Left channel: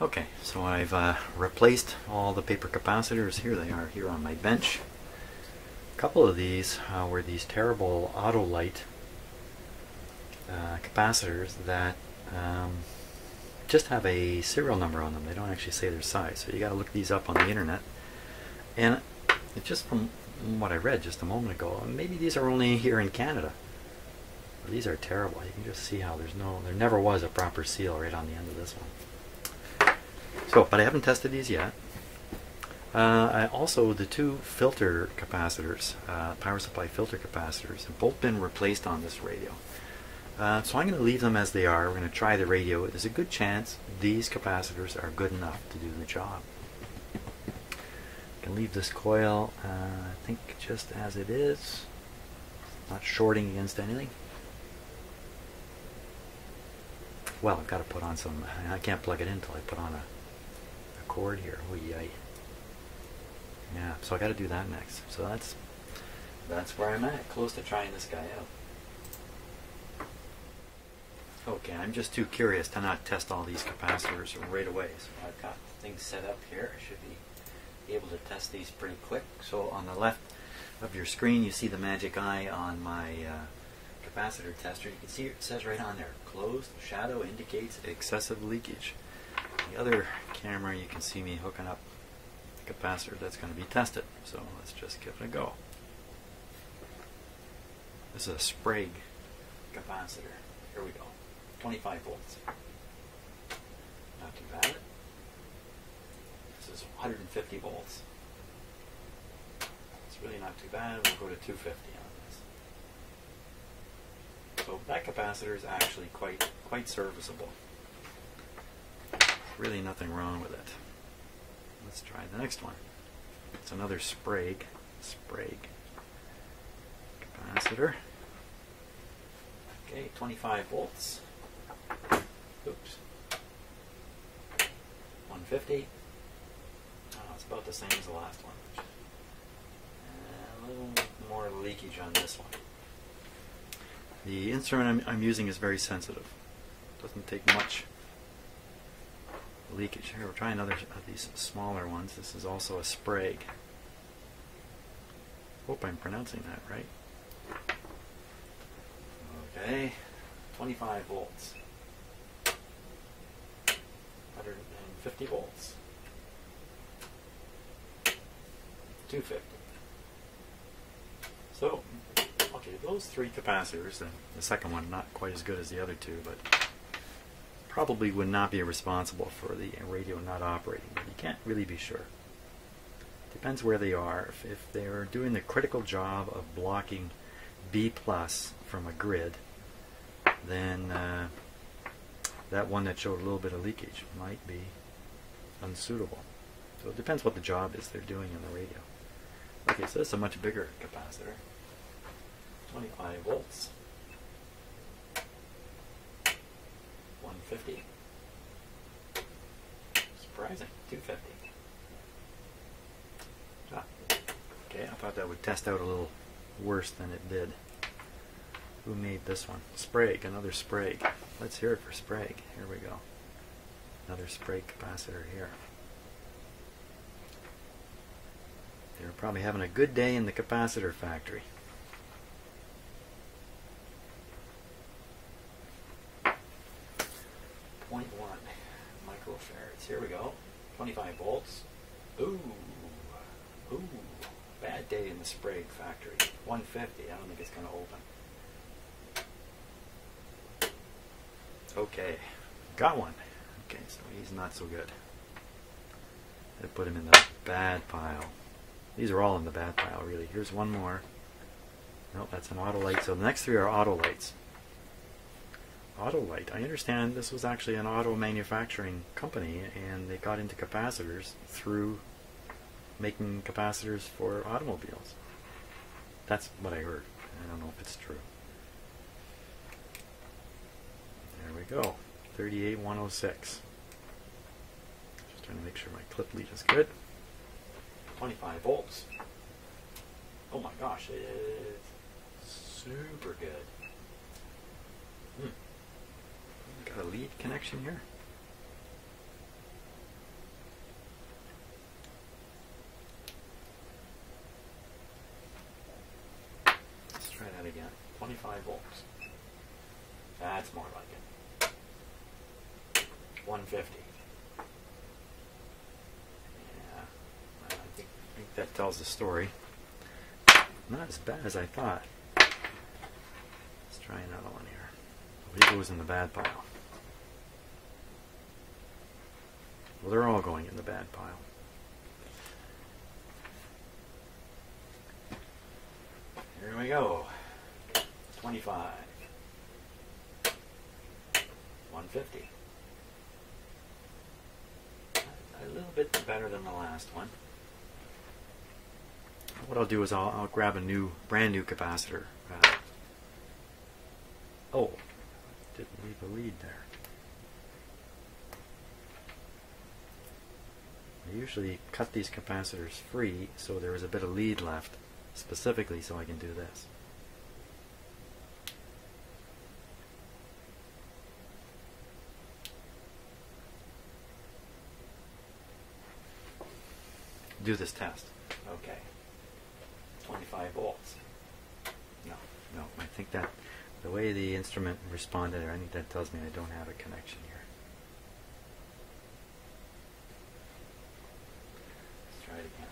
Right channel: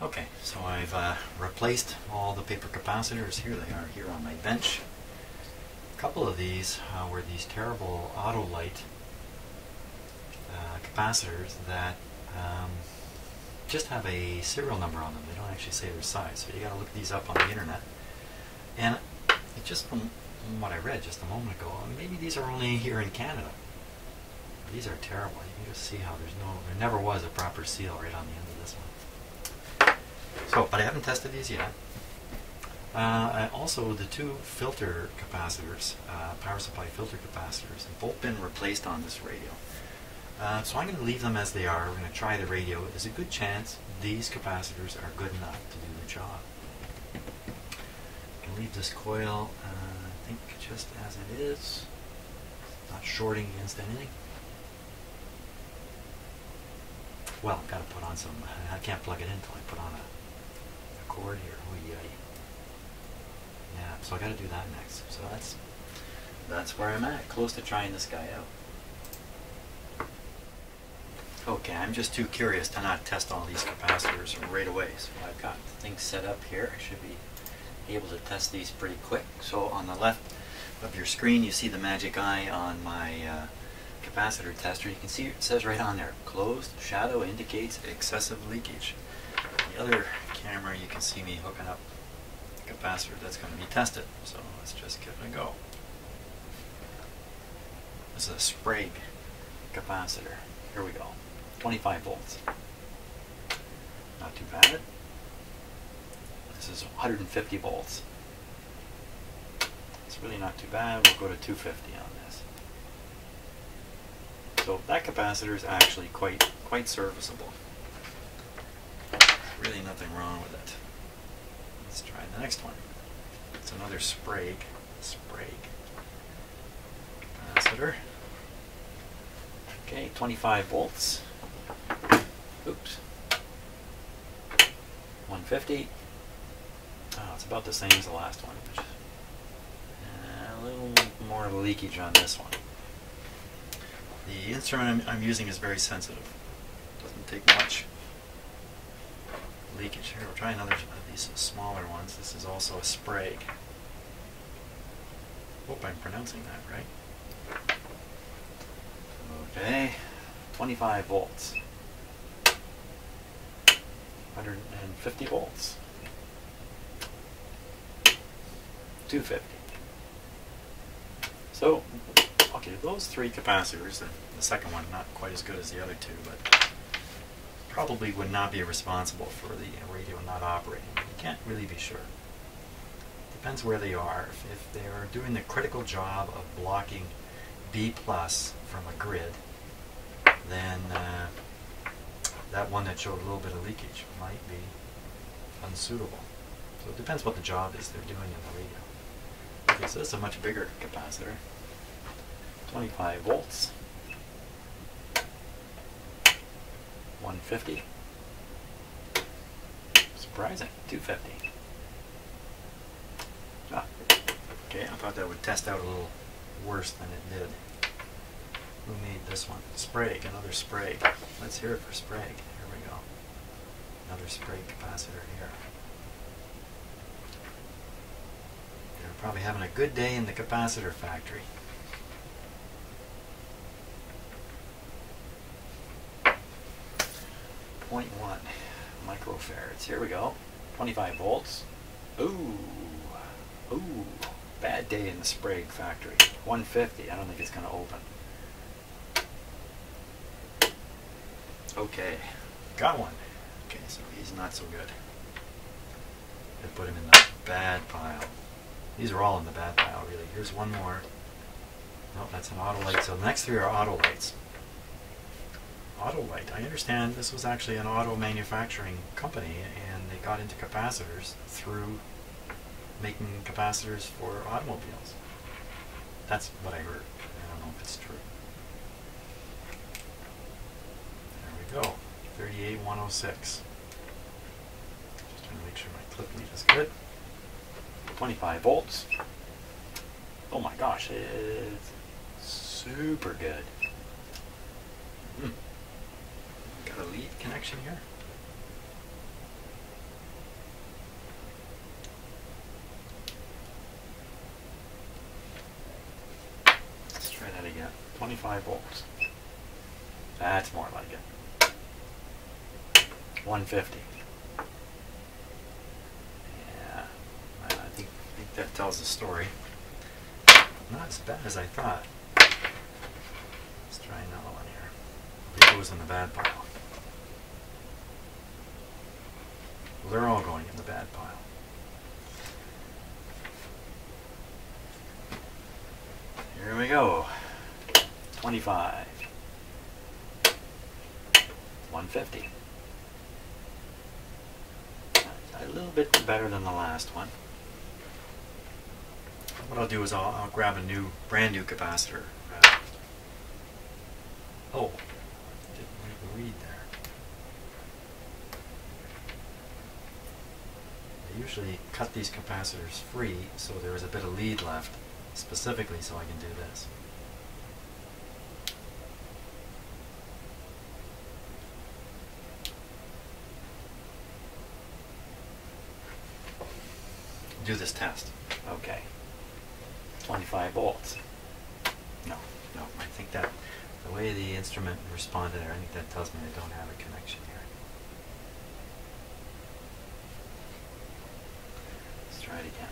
Okay, so I've replaced all the paper capacitors. Here they are here on my bench. A couple of these were these terrible Autolite capacitors that just have a serial number on them. They don't actually say their size, so you got to look these up on the internet. And it just from what I read just a moment ago, maybe these are only here in Canada. These are terrible. You can just see how there never was a proper seal right on the end of this one. So, but I haven't tested these yet. Also, the two filter capacitors, power supply filter capacitors, have both been replaced on this radio. So I'm going to leave them as they are. We're going to try the radio. There's a good chance these capacitors are good enough to do the job. I can leave this coil, I think, just as it is. Not shorting against anything. Well, I've got to put on some, I can't plug it in until I put on a cord here. Yeah, so I got to do that next. So that's where I'm at, close to trying this guy out. Okay, I'm just too curious to not test all these capacitors right away. So I've got things set up here. I should be able to test these pretty quick. So on the left of your screen, you see the magic eye on my capacitor tester. You can see it says right on there, closed shadow indicates excessive leakage. On the other camera, you can see me hooking up the capacitor that's going to be tested. So let's just give it a go. This is a Sprague capacitor. Here we go. 25 volts. Not too bad. This is 150 volts. It's really not too bad. We'll go to 250 on this. So that capacitor is actually quite serviceable. Really nothing wrong with it. Let's try the next one. It's another Sprague capacitor. Okay, 25 volts. Oops. 150. Oh, it's about the same as the last one. Which, a little more leakage on this one. The instrument I'm using is very sensitive. Doesn't take much leakage. Here, we'll try another of these smaller ones. This is also a Sprague. Hope I'm pronouncing that right. Okay, 25 volts. 150 volts. 250. So, okay, those three capacitors, the second one not quite as good as the other two, but probably would not be responsible for the radio not operating. You can't really be sure. Depends where they are. If they're doing the critical job of blocking B+ from a grid, then that one that showed a little bit of leakage might be unsuitable. So it depends what the job is they're doing in the radio. Okay, so this is a much bigger capacitor. 25 volts. 150. Surprising. 250. Ah, okay, I thought that would test out a little worse than it did. Who made this one? Sprague, another Sprague. Let's hear it for Sprague. Here we go. Another Sprague capacitor here. They're probably having a good day in the capacitor factory. .1 microfarads. Here we go. 25 volts. Ooh. Ooh. Bad day in the Sprague factory. 150. I don't think it's going to open. Okay. Got one. Okay, so he's not so good. I put him in the bad pile. These are all in the bad pile, really. Here's one more. No, that's an Autolite. So the next three are Autolites. Autolite. I understand this was actually an auto manufacturing company, and they got into capacitors through making capacitors for automobiles. That's what I heard. I don't know if it's true. There we go. 38106. Just trying to make sure my clip lead is good. 25 volts. Oh my gosh, it's super good. Got a lead connection here. 25 volts. That's more like it. 150. Yeah, I think that tells the story. Not as bad as I thought. Let's try another one here. It goes in the bad pile. Well, they're all going in the bad pile. Here we go. 25. 150. A little bit better than the last one. What I'll do is I'll grab a brand new capacitor. Oh, didn't leave a read there. I usually cut these capacitors free so there is a bit of lead left, specifically so I can do this. Do this test. Okay. 25 volts. No, I think that the way the instrument responded, I think that tells me I don't have a connection here. Let's try it again.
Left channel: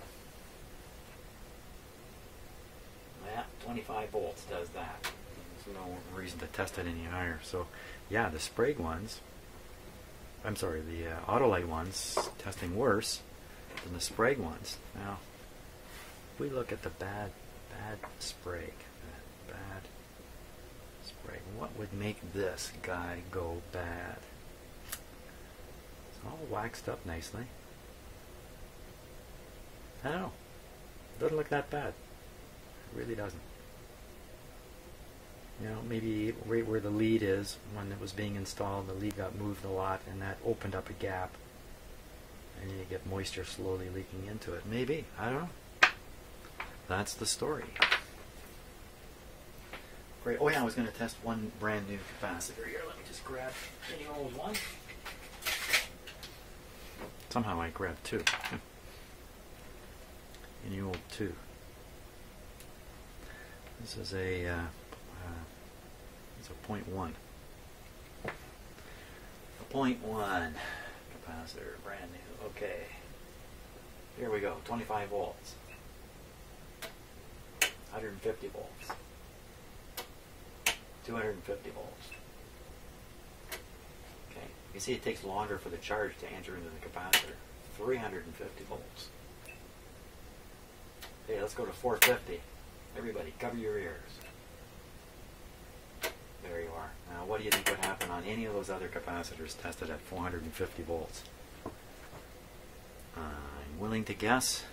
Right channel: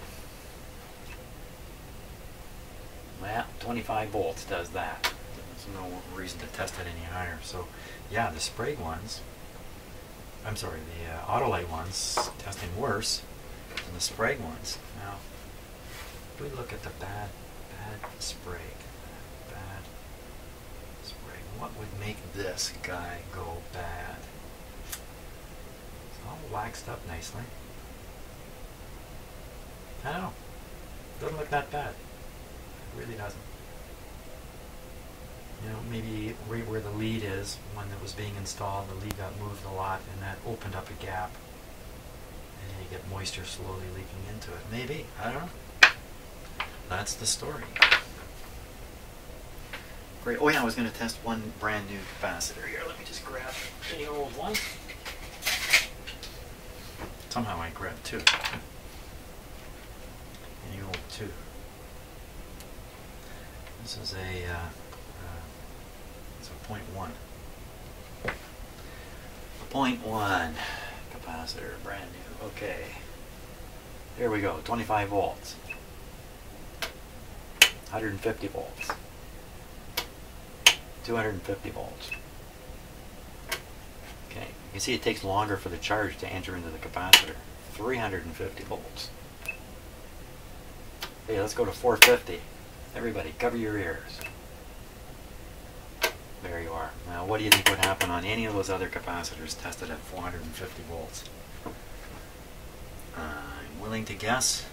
Well, 25 volts does that. There's no reason to test it any higher. So, yeah, the Sprague ones, I'm sorry, the Autolite ones, testing worse than the Sprague ones. Now, if we look at the bad Sprague, what would make this guy go bad? It's all waxed up nicely. I don't know. Doesn't look that bad. It really doesn't. You know, maybe right where the lead is, when it was being installed, the lead got moved a lot and that opened up a gap. And you get moisture slowly leaking into it. Maybe. I don't know. That's the story. Great. Oh yeah, I was going to test one brand new capacitor here. Let me just grab any old one. Somehow I grabbed two. Any old two. This is it's a 0.1. A 0.1 capacitor, brand new. Okay. Here we go. 25 volts. 150 volts. 250 volts. Okay, you can see it takes longer for the charge to enter into the capacitor. 350 volts. Hey, let's go to 450. Everybody, cover your ears. There you are. Now, what do you think would happen on any of those other capacitors tested at 450 volts? I'm willing to guess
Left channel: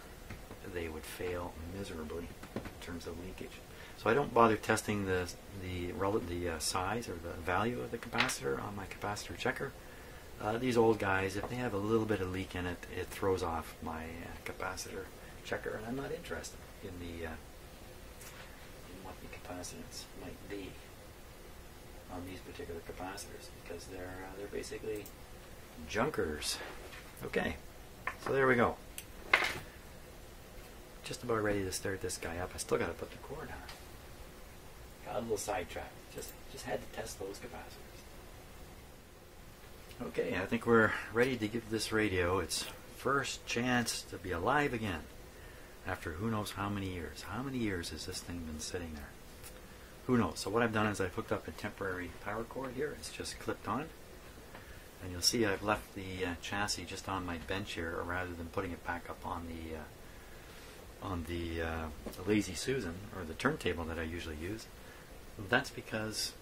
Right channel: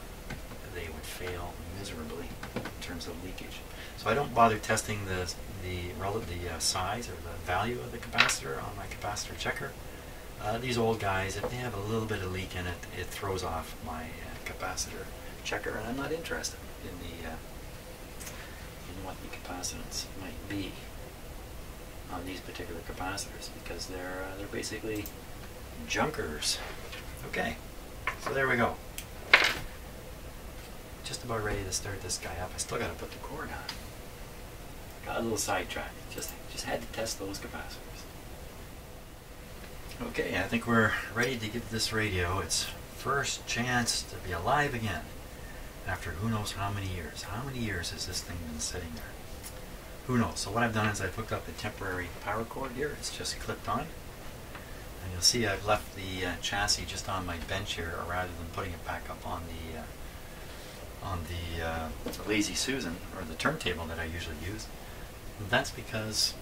they would fail miserably in terms of leakage. So I don't bother testing the size or the value of the capacitor on my capacitor checker. These old guys, if they have a little bit of leak in it, it throws off my capacitor checker, and I'm not interested in what the capacitance might be on these particular capacitors, because they're basically junkers. Okay, so there we go. Just about ready to start this guy up. I still got to put the cord on. Got a little sidetracked. Just had to test those capacitors. Okay, I think we're ready to give this radio its first chance to be alive again after who knows how many years. How many years has this thing been sitting there? Who knows? So what I've done is I've hooked up a temporary power cord here. It's just clipped on. And you'll see I've left the chassis just on my bench here rather than putting it back up on the Lazy Susan, or the turntable that I usually use. That's because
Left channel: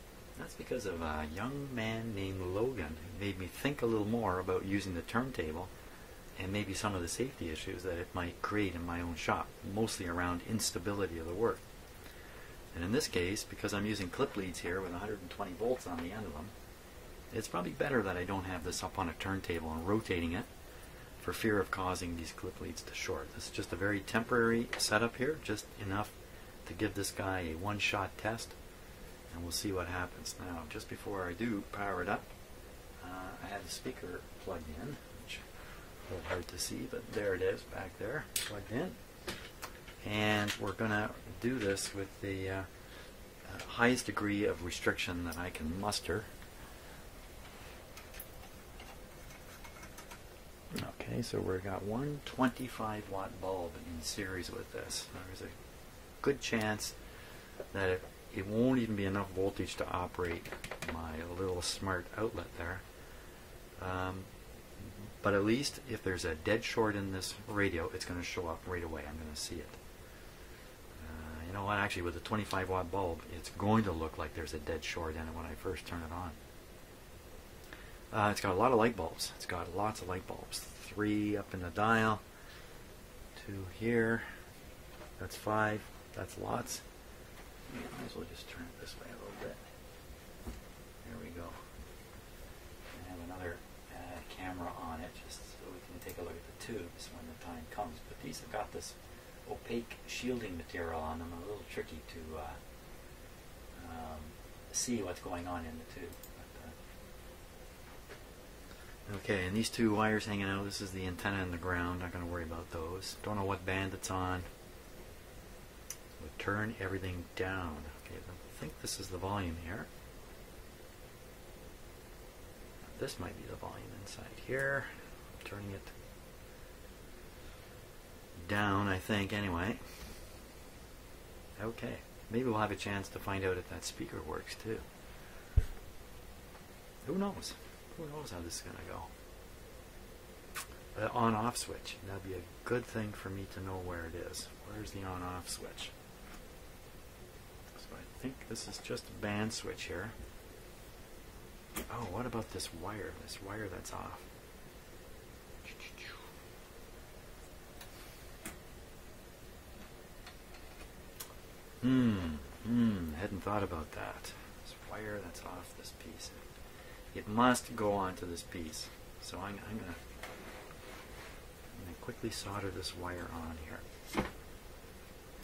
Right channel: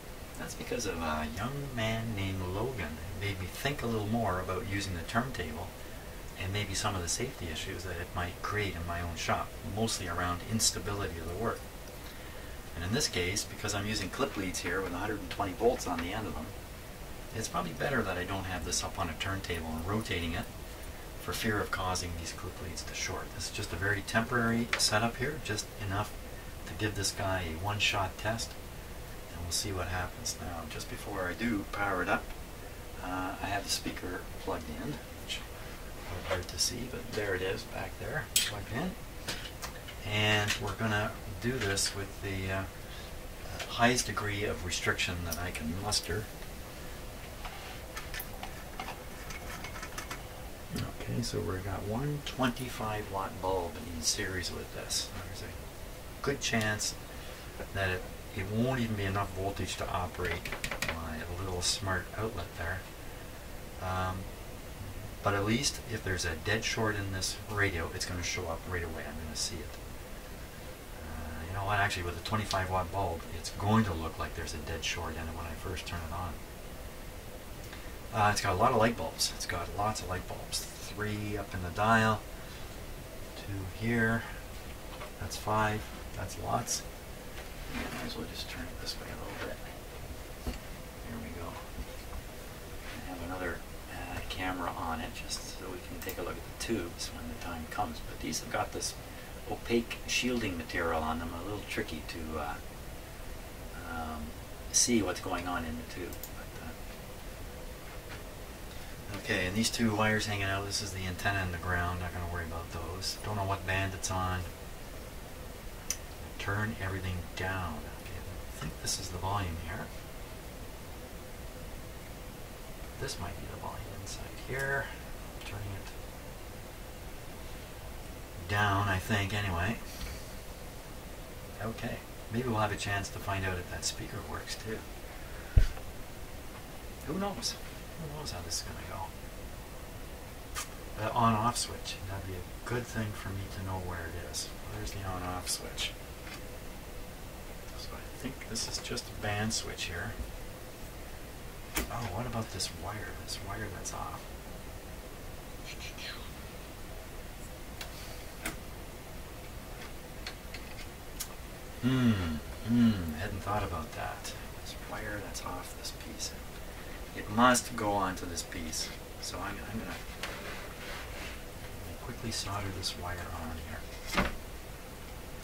of a young man named Logan. It made me think a little more about using the turntable and maybe some of the safety issues that it might create in my own shop, mostly around instability of the work. And in this case, because I'm using clip leads here with 120 volts on the end of them, it's probably better that I don't have this up on a turntable and rotating it for fear of causing these clip leads to short. This is just a very temporary setup here, just enough to give this guy a one-shot test, and we'll see what happens. Now, just before I do power it up, I have the speaker plugged in, which is hard to see, but there it is back there, plugged in. And we're going to do this with the highest degree of restriction that I can muster. Okay, so we've got one 25-watt bulb in series with this. There's a good chance that it won't even be enough voltage to operate my little smart outlet there. But at least if there's a dead short in this radio, it's going to show up right away. I'm going to see it. You know what, actually with a 25-watt bulb, it's going to look like there's a dead short in it when I first turn it on. It's got a lot of light bulbs. It's got lots of light bulbs. 3 up in the dial, 2 here, that's 5, that's lots. Yeah, might as well just turn it this way a little bit. There we go. I have another camera on it just so we can take a look at the tubes when the time comes. But these have got this opaque shielding material on them, a little tricky to see what's going on in the tube. But, okay, and these 2 wires hanging out, this is the antenna and the ground. Not going to worry about those. Don't know what band it's on. Turn everything down. Okay, I think this is the volume here. This might be the volume inside here. Turning it down, I think, anyway. Okay, maybe we'll have a chance to find out if that speaker works too. Who knows? Who knows how this is going to go? On-off switch. That'd be a good thing for me to know where it is. Where's the on-off switch? So I think this is just a band switch here. Oh, what about this wire? This wire that's off. Hadn't thought about that. This wire that's off this piece. It must go onto this piece. So I'm gonna quickly solder this wire on here.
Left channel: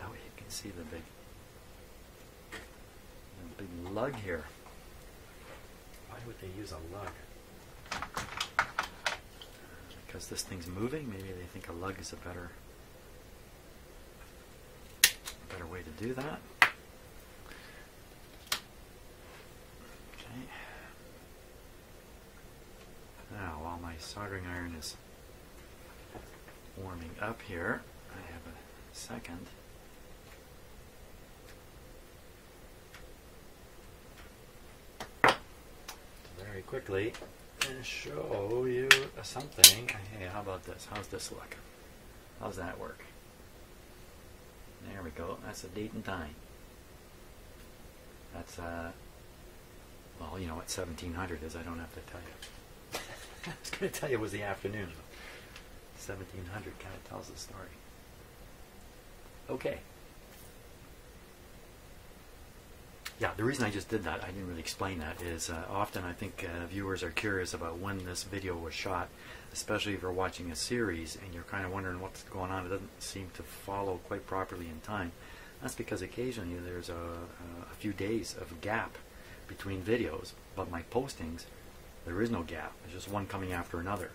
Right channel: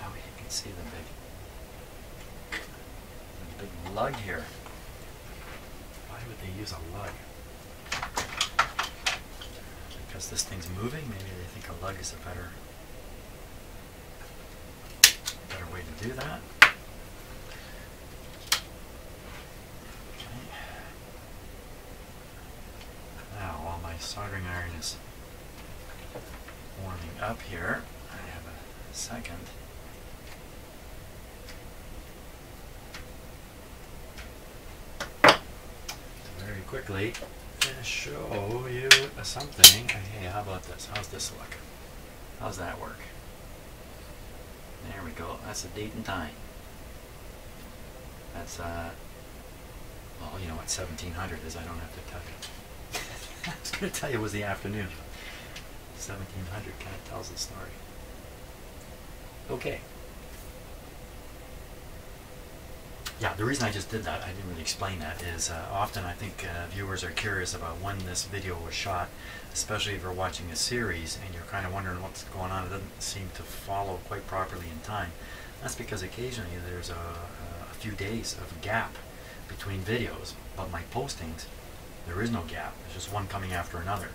Oh, you can see the big lug here. Why would they use a lug? Because this thing's moving? Maybe they think a lug is a better way to do that. Okay. Now, while my soldering iron is warming up here, I have a second. Very quickly show you something. Hey, how about this? How's this look? How's that work? There we go. That's the date and time. That's well, you know what 1700 is. I don't have to tell you. I was going to tell you it was the afternoon. 1700 kind of tells the story. Okay. Yeah, the reason I just did that, I didn't really explain that, is often I think viewers are curious about when this video was shot, especially if you're watching a series and you're kind of wondering what's going on. It doesn't seem to follow quite properly in time. That's because occasionally there's a few days of gap between videos, but my postings, there is no gap. There's just one coming after another.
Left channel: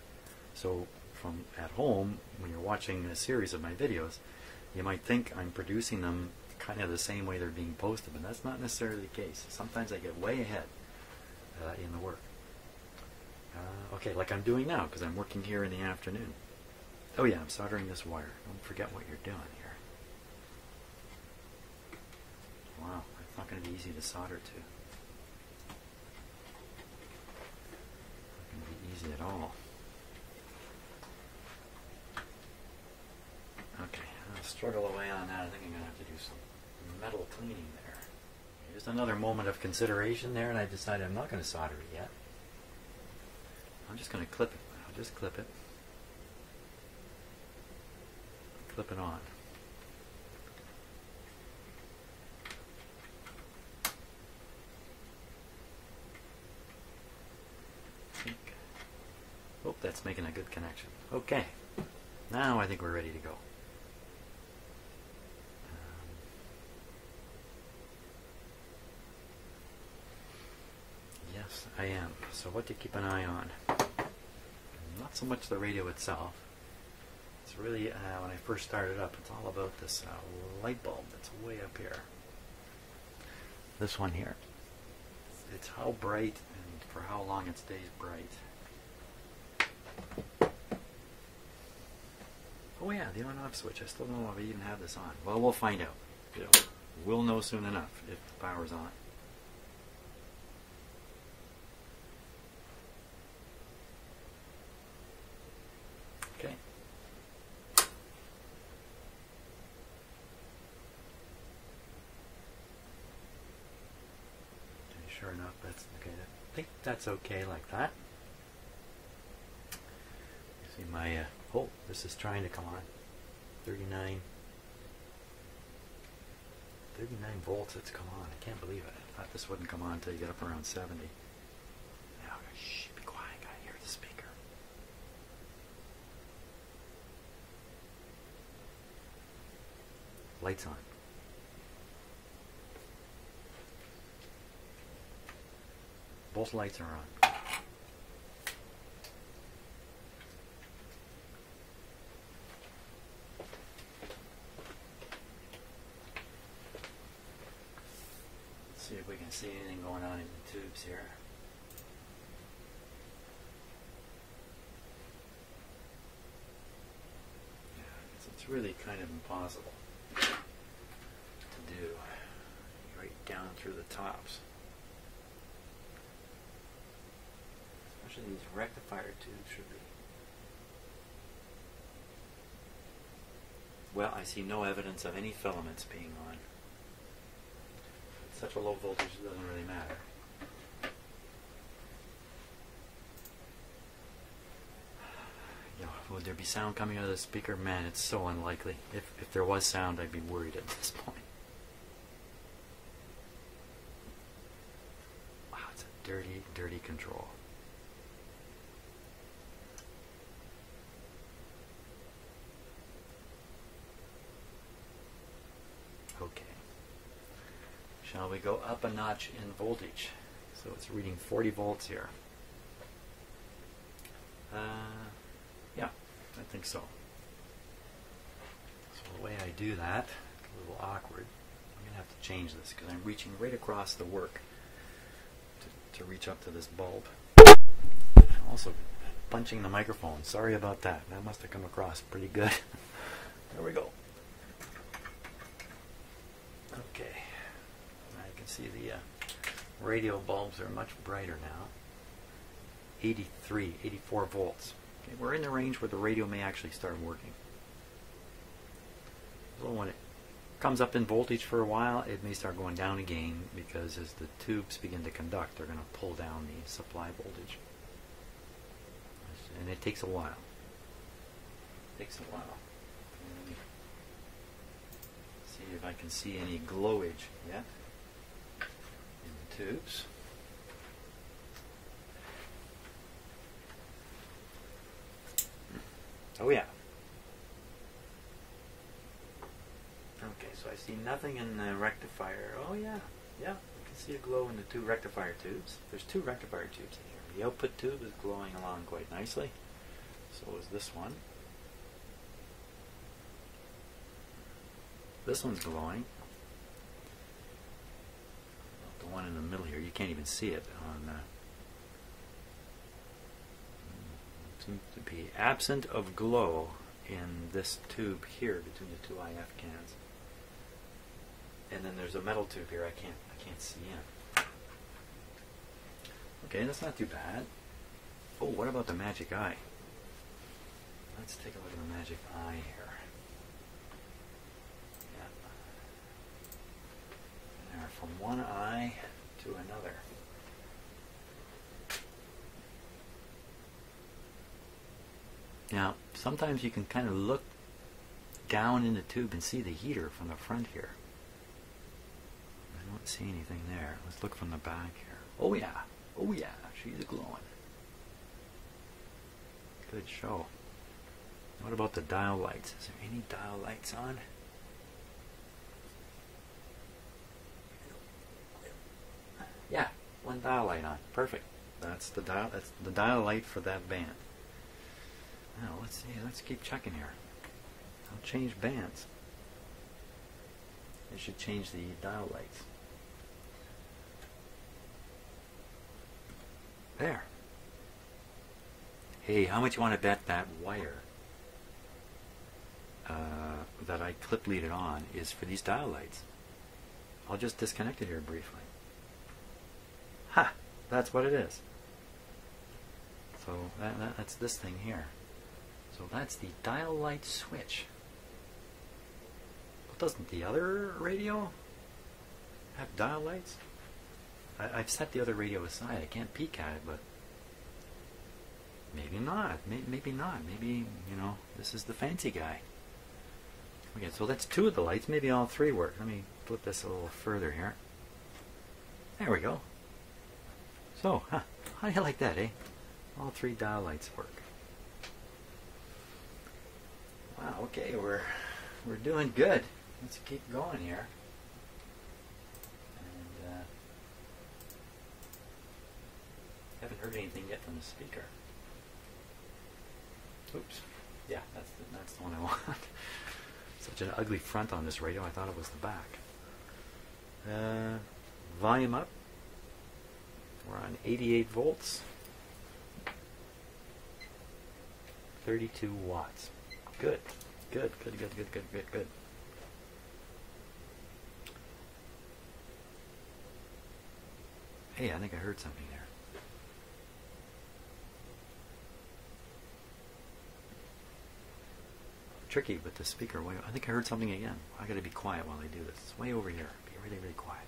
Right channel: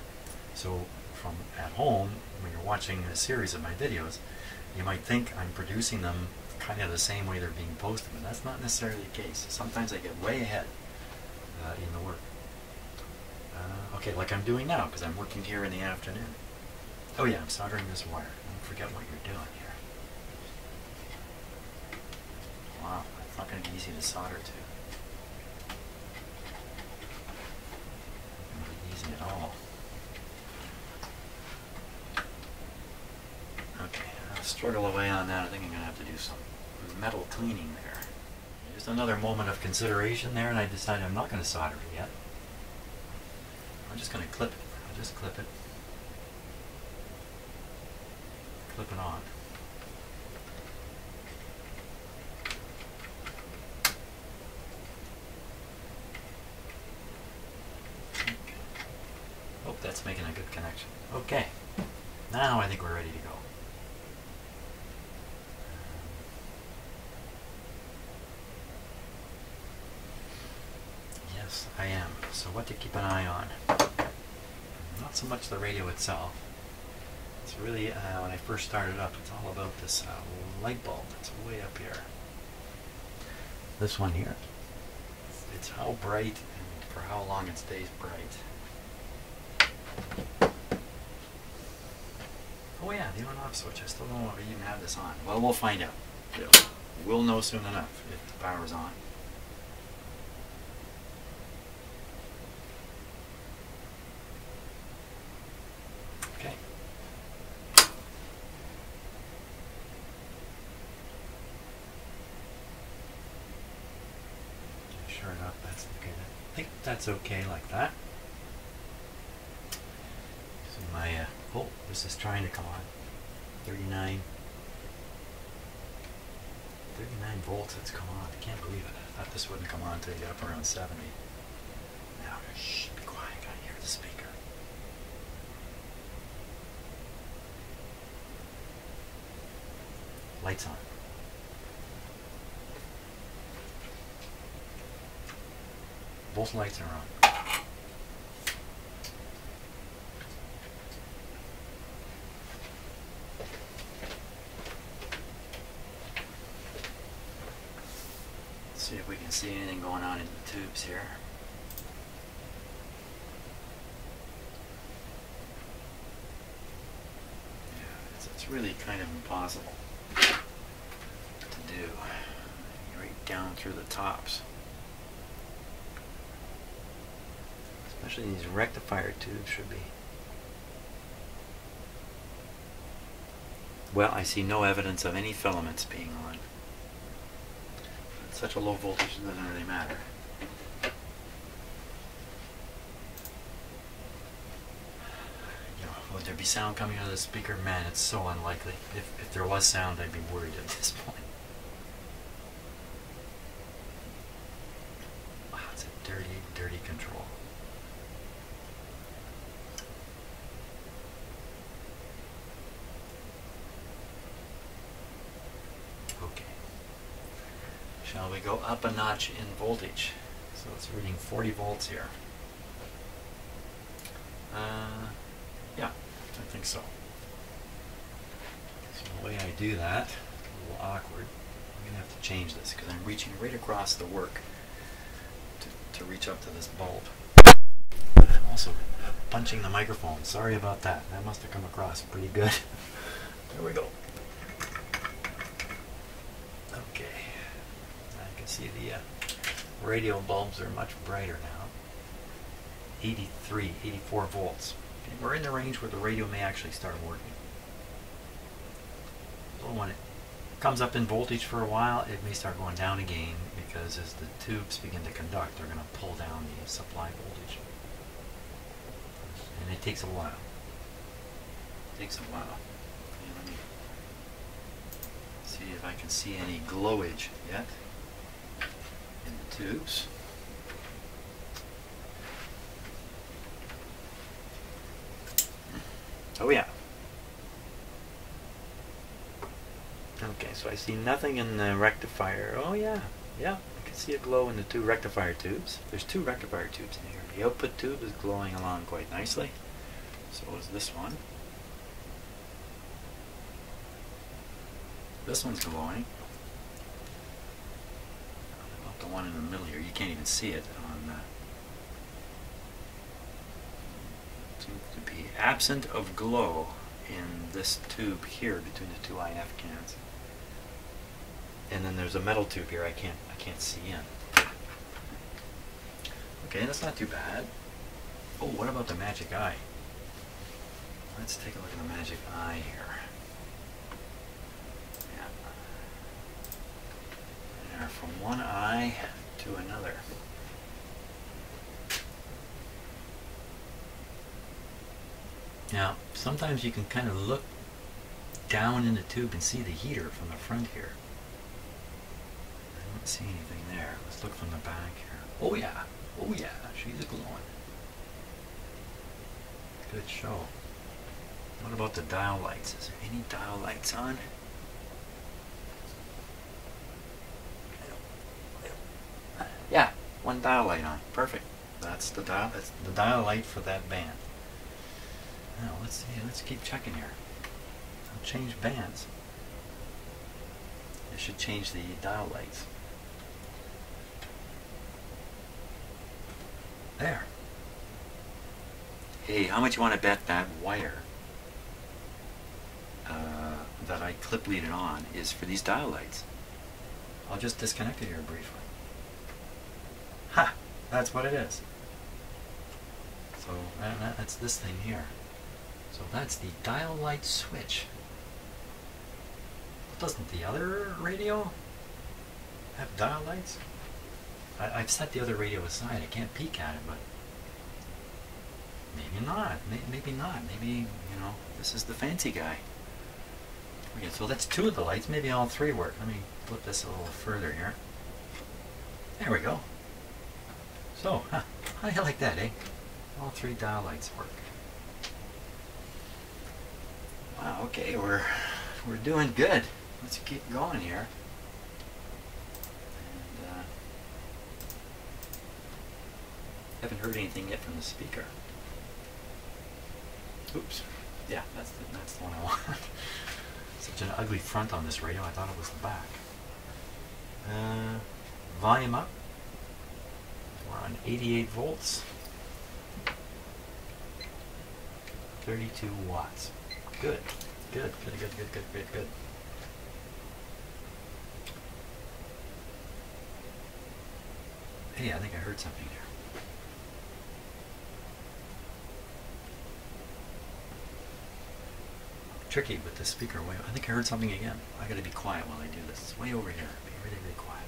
So from at home, when you're watching a series of my videos, you might think I'm producing them kind of the same way they're being posted, but that's not necessarily the case. Sometimes I get way ahead in the work. Okay, like I'm doing now, because I'm working here in the afternoon. Oh yeah, I'm soldering this wire. Don't forget what you're doing here. Wow, it's not going to be easy to solder to. Not easy at all. Okay, I'll struggle away on that. I think I'm going to have to do some metal cleaning there. Just another moment of consideration there, and I decided I'm not going to solder it yet. I'm just going to clip it. I'll just clip it. Clip it on. Okay. Hope that's making a good connection. Okay. Now I think we're ready to go. Yes, I am. So what to keep an eye on? Not so much the radio itself. It's really, when I first started up, it's all about this light bulb that's way up here. this one here. It's how bright and for how long it stays bright. Oh yeah, the on-off switch. I still don't know if I even have this on. Well, we'll find out. Yeah. We'll know soon enough if the power's on. Okay. Sure enough, that's okay. I think that's okay like that. See my, oh, this is trying to come on. 39 volts, it's come on. I can't believe it. I thought this wouldn't come on until you get up around 70. Now, shh, be quiet, I gotta hear the speaker. Lights on. Both lights are on. See if we can see anything going on in the tubes here. Yeah, it's really kind of impossible to do. Right down through the tops. Especially these rectifier tubes should be. Well, I see no evidence of any filaments being on. At such a low voltage, it doesn't really matter. You know, would there be sound coming out of the speaker? Man, it's so unlikely. If there was sound, I'd be worried at this point. Wow, it's a dirty, dirty control. Shall we go up a notch in voltage? So it's reading 40 volts here. Yeah, I think so. So the way I do that, a little awkward. I'm going to have to change this because I'm reaching right across the work to reach up to this bulb. I'm also punching the microphone. Sorry about that. That must have come across pretty good. There we go. See the radio bulbs are much brighter now. 84 volts. Okay, we're in the range where the radio may actually start working. So when it comes up in voltage for a while, it may start going down again because as the tubes begin to conduct, they're going to pull down the supply voltage. And it takes a while. It takes a while. Okay, let me see if I can see any glowage yet. Tubes. Oh yeah. Okay, so I see nothing in the rectifier. Oh yeah, yeah, I can see a glow in the two rectifier tubes. There's two rectifier tubes in here. The output tube is glowing along quite nicely. So is this one. This one's glowing. The one in the middle here, you can't even see it on seems to be absent of glow in this tube here between the two IF cans. And then there's a metal tube here I can't see in. Okay, that's not too bad. Oh, what about the magic eye? Let's take a look at the magic eye here. From one eye to another. Now, sometimes you can kind of look down in the tube and see the heater from the front here. I don't see anything there. Let's look from the back here. Oh yeah, she's glowing. Good show. What about the dial lights? Is there any dial lights on? Yeah, one dial light on. Perfect. That's the dial light for that band. Now let's see. Let's keep checking here. I'll change bands. It should change the dial lights. There. Hey, how much you want to bet that wire that I clip lead it on is for these dial lights? I'll just disconnect it here briefly. Ha! That's what it is. So that's this thing here. So that's the dial light switch. Doesn't the other radio have dial lights? I've set the other radio aside. I can't peek at it, but maybe not. Maybe not. Maybe, you know, this is the fancy guy. Okay, so that's two of the lights. Maybe all three work. Let me flip this a little further here. There we go. So, I like that, eh? All three dial lights work. Wow, okay, we're doing good. Let's keep going here. And haven't heard anything yet from the speaker. Oops. Yeah, that's the one I want. Such an ugly front on this radio. I thought it was the back. Volume up. We're on 88 volts. 32 watts. Good. Good. Hey, I think I heard something there. Tricky with the speaker. I think I heard something again. I gotta be quiet while I do this. It's way over here. Be really, really quiet.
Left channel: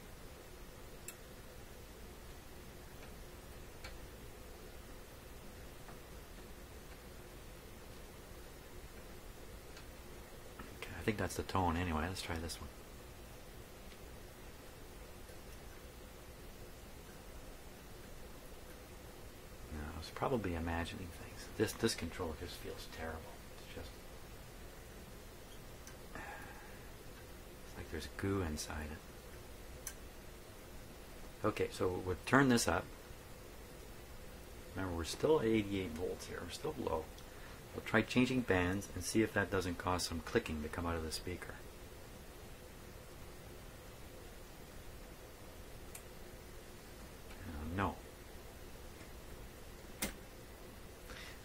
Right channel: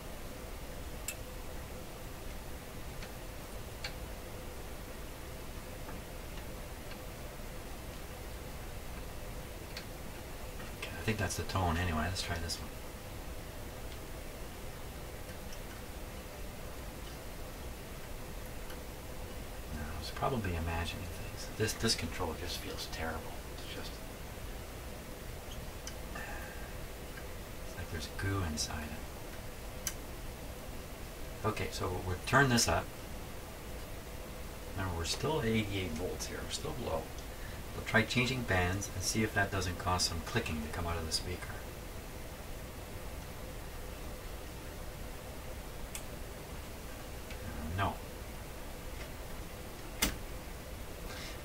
Okay, I think that's the tone anyway. Let's try this one. No, I was probably imagining things. This control just feels terrible. It's just there's goo inside it. Okay, so we'll turn this up. Remember, we're still at 88 volts here. We're still low. We'll try changing bands and see if that doesn't cause some clicking to come out of the speaker. No.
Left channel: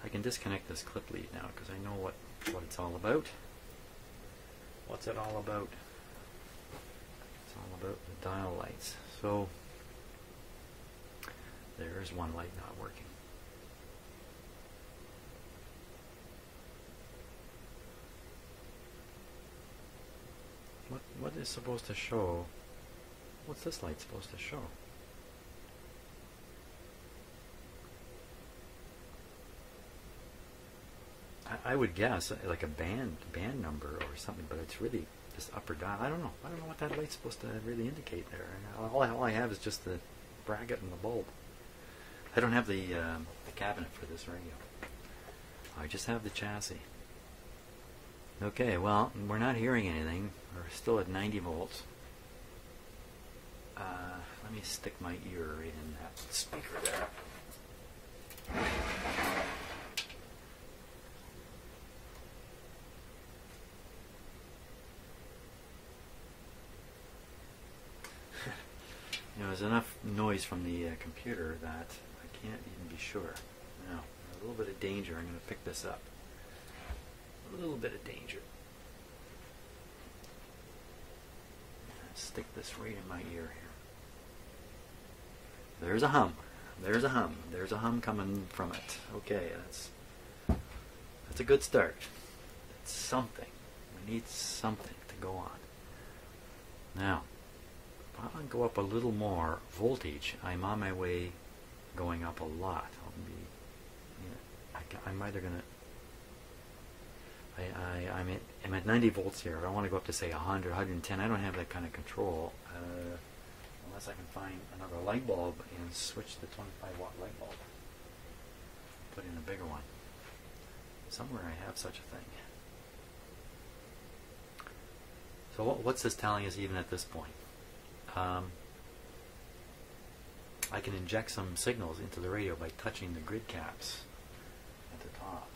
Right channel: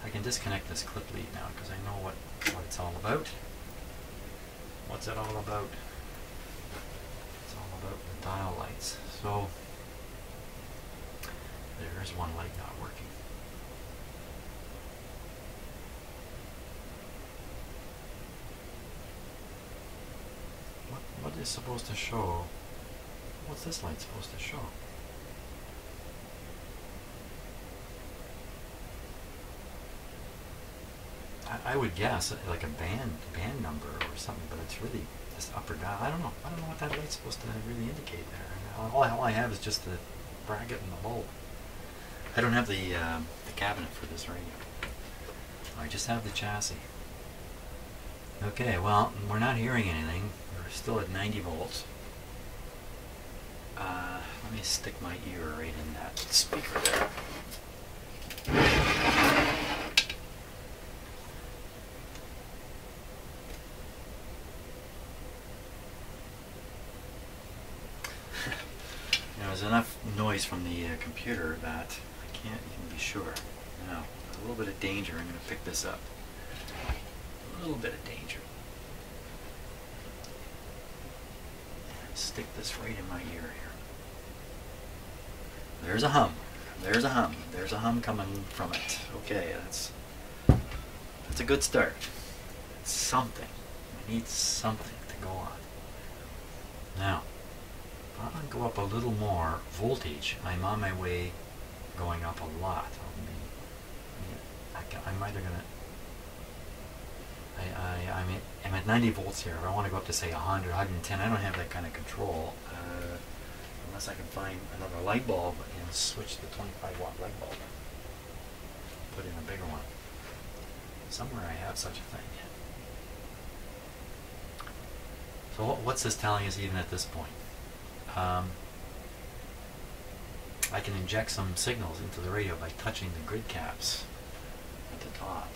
I can disconnect this clip lead now because I know what it's all about. What's it all about? About the dial lights. So there's one light not working. What is supposed to show? What's this light supposed to show? I would guess like a band number or something, but it's really this upper dial. I don't know what that light's supposed to really indicate there. All I have is just the bracket and the bulb. I don't have the cabinet for this radio. I just have the chassis. Okay, well, we're not hearing anything. We're still at 90 volts. Let me stick my ear right in that speaker there. There's enough noise from the computer that I can't even be sure. Now, a little bit of danger. I'm going to pick this up. A little bit of danger. Stick this right in my ear here. There's a hum. There's a hum. There's a hum coming from it. Okay, that's a good start. It's something. We need something to go on. Now, I'm going to go up a little more voltage. I'm on my way going up a lot. I'm either going to... I'm at 90 volts here. I want to go up to say 100, 110. I don't have that kind of control unless I can find another light bulb and switch the 25 watt light bulb. Put in a bigger one. Somewhere I have such a thing. So what's this telling us even at this point? I can inject some signals into the radio by touching the grid caps at the top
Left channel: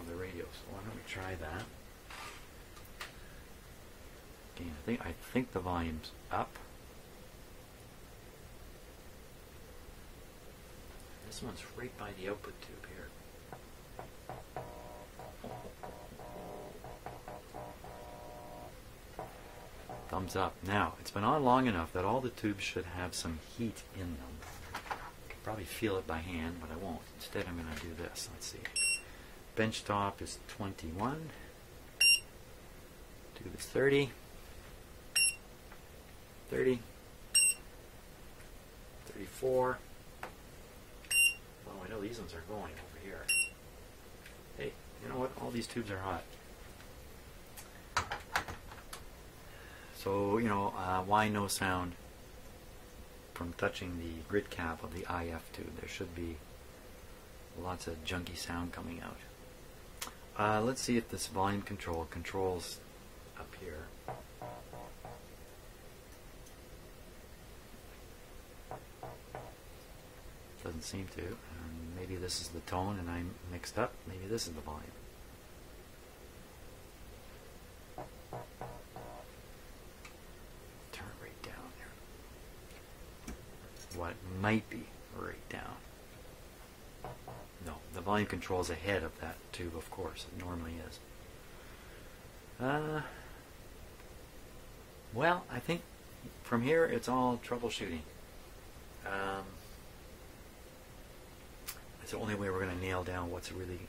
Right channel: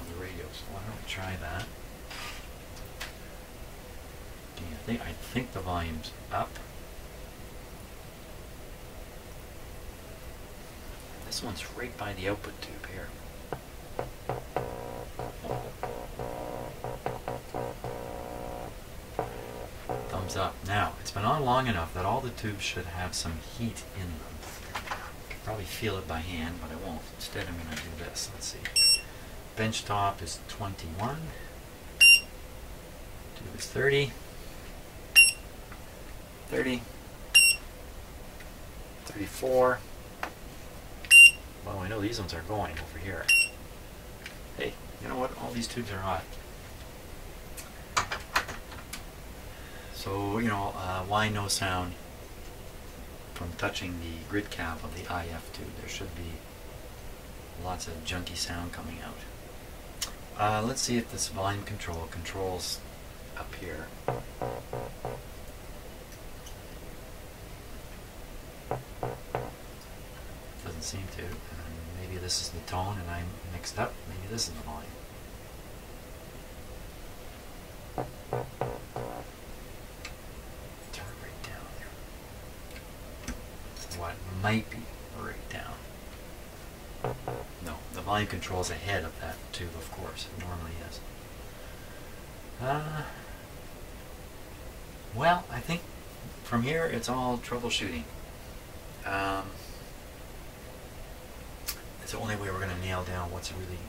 of the radio. So why don't we try that? Okay, I think the volume's up. This one's right by the output tube here. Thumbs up. Now, it's been on long enough that all the tubes should have some heat in them. I can probably feel it by hand, but I won't. Instead, I'm going to do this. Let's see. Bench top is 21. Tube is 30. 30. 34. Well, I know these ones are going over here. Hey, you know what? All these tubes are hot. So, you know, why no sound from touching the grid cap of the IF tube? There should be lots of junky sound coming out. Let's see if this volume control controls up here. Doesn't seem to. Maybe this is the tone and I'm mixed up. Maybe this is the volume. Turn it right down there. What might be right down. No, the volume control's ahead of that tube, of course. It normally is. Well, I think from here it's all troubleshooting. It's the only way we're going to nail down what's really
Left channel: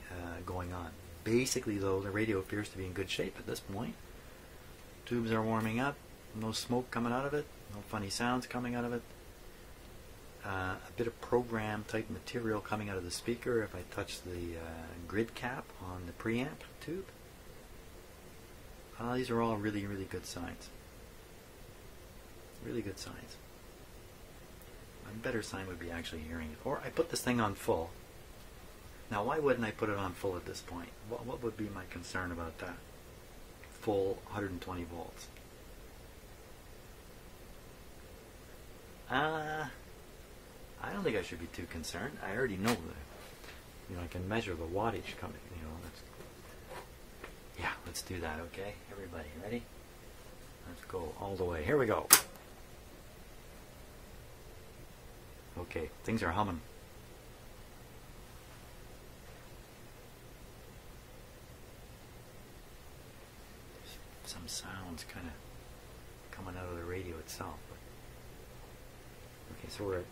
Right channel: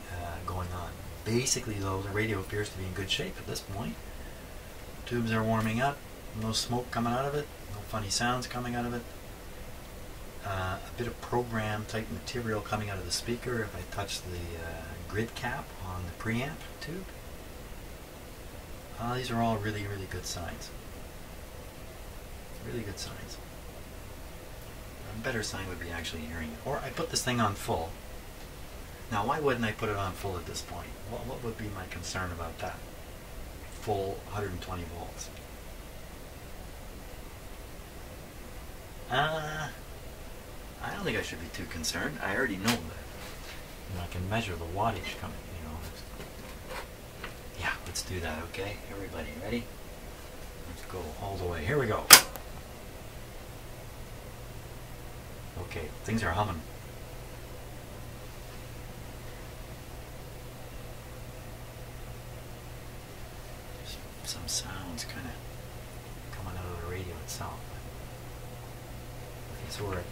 going on. Basically, though, the radio appears to be in good shape at this point. Tubes are warming up. No smoke coming out of it. No funny sounds coming out of it. A bit of program type material coming out of the speaker if I touch the grid cap on the preamp tube. These are all really, really good signs. Really good signs. A better sign would be actually hearing it. Or I put this thing on full. Now, why wouldn't I put it on full at this point? What would be my concern about that? Full 120 volts. I don't think I should be too concerned. I already know that. You know, I can measure the wattage coming. You know. Yeah, let's do that. Okay, everybody, ready? Let's go all the way. Here we go. Okay, things are humming. Some sounds kind of coming out of the radio itself. Okay, so we're at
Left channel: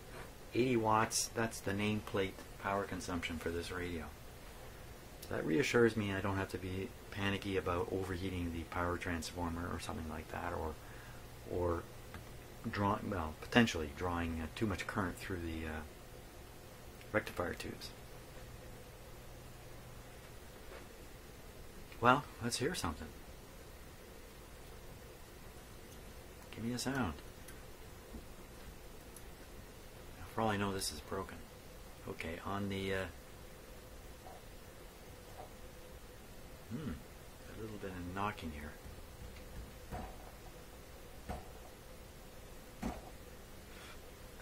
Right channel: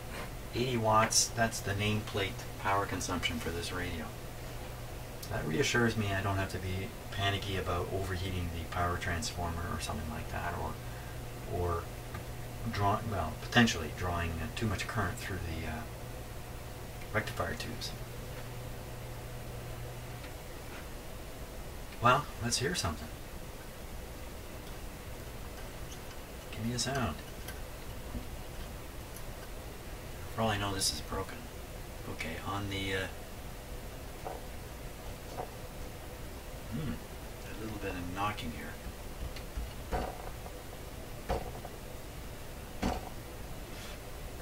80 watts. That's the nameplate power consumption for this radio. That reassures me I don't have to be panicky about overheating the power transformer or something like that, or potentially drawing too much current through the rectifier tubes. Well, let's hear something. Give me a sound. For all I know, this is broken. Okay, on the a little bit of knocking here.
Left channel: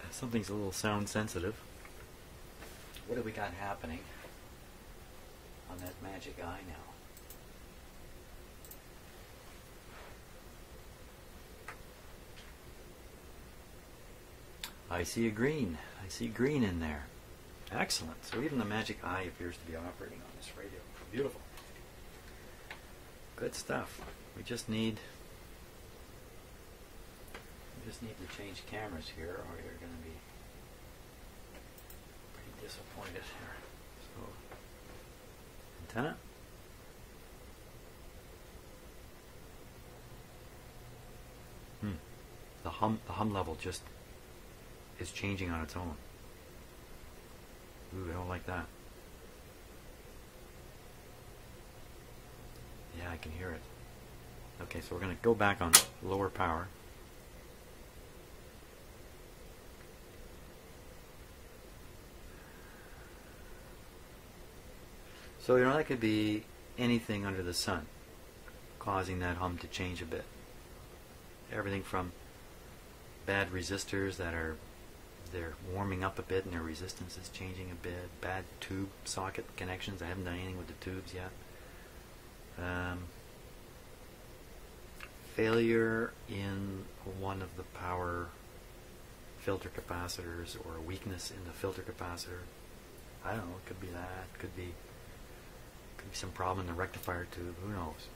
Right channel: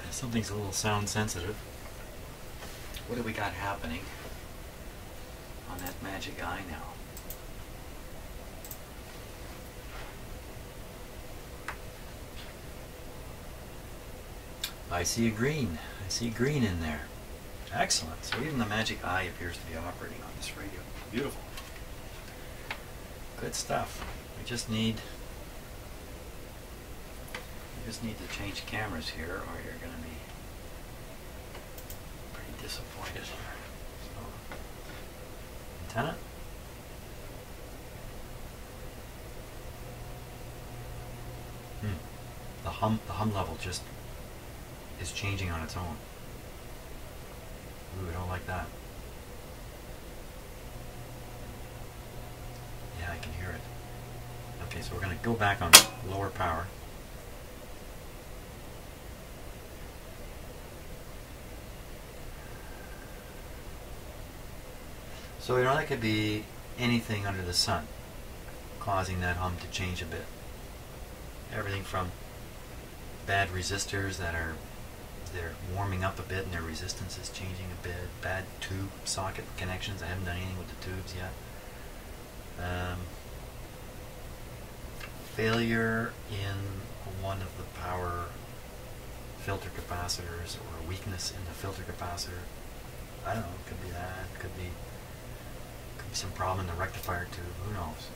Something's a little sound sensitive. What do we got happening on that magic eye now? I see a green. I see green in there. Excellent. So even the magic eye appears to be operating on this radio. Beautiful. Good stuff. We just need to change cameras here, or you're going to be pretty disappointed here. So, antenna. The hum level just is changing on its own. Ooh, I don't like that. Yeah, I can hear it. Okay, so we're going to go back on lower power. So, you know, that could be anything under the sun causing that hum to change a bit. Everything from bad resistors they're warming up a bit and their resistance is changing a bit. Bad tube socket connections. I haven't done anything with the tubes yet. Failure in one of the power filter capacitors, or weakness in the filter capacitor. I don't know. It could be that. Could be some problem in the rectifier tube. Who knows?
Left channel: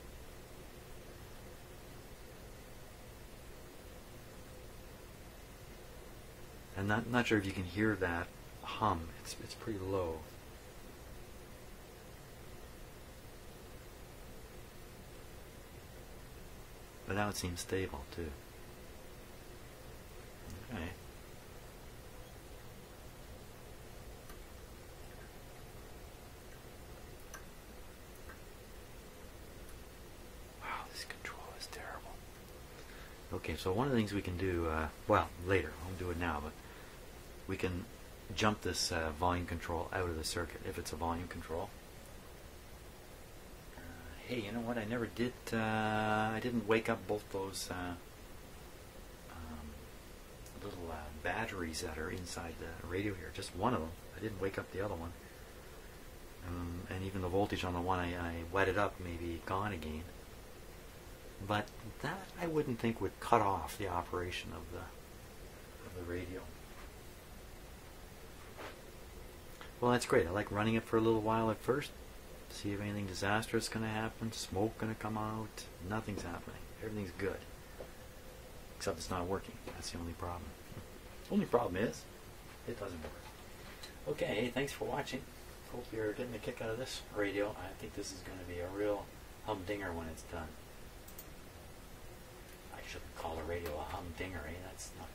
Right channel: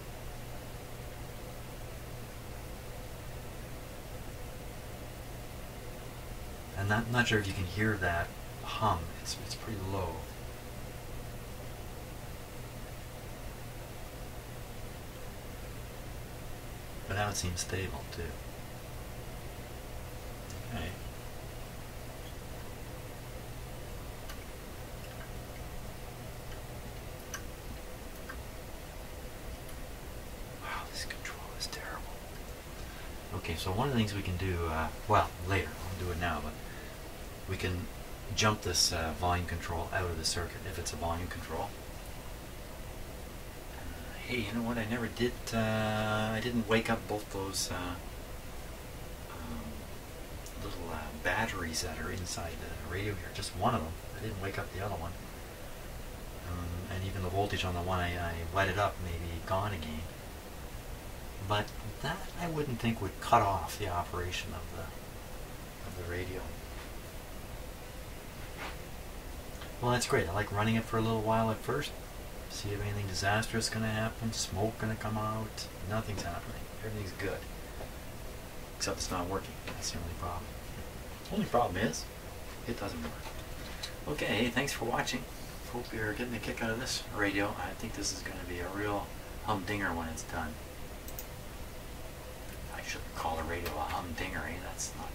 And not sure if you can hear that hum. It's pretty low. But now it seems stable too. Okay. Wow, this control is terrible. Okay, so one of the things we can do, well, later, I'll do it now, but we can jump this volume control out of the circuit if it's a volume control. Hey, you know what? I never did. I didn't wake up both those little batteries that are inside the radio here. Just one of them. I didn't wake up the other one. And even the voltage on the one I lighted up may be gone again. But that I wouldn't think would cut off the operation of the radio. Well, that's great. I like running it for a little while at first. See if anything disastrous is going to happen. Smoke going to come out. Nothing's happening. Everything's good. Except it's not working. That's the only problem. The only problem is it doesn't work. Okay, hey, thanks for watching. Hope you're getting a kick out of this radio. I think this is going to be a real humdinger when it's done. I shouldn't call a radio a humdinger, eh? That's not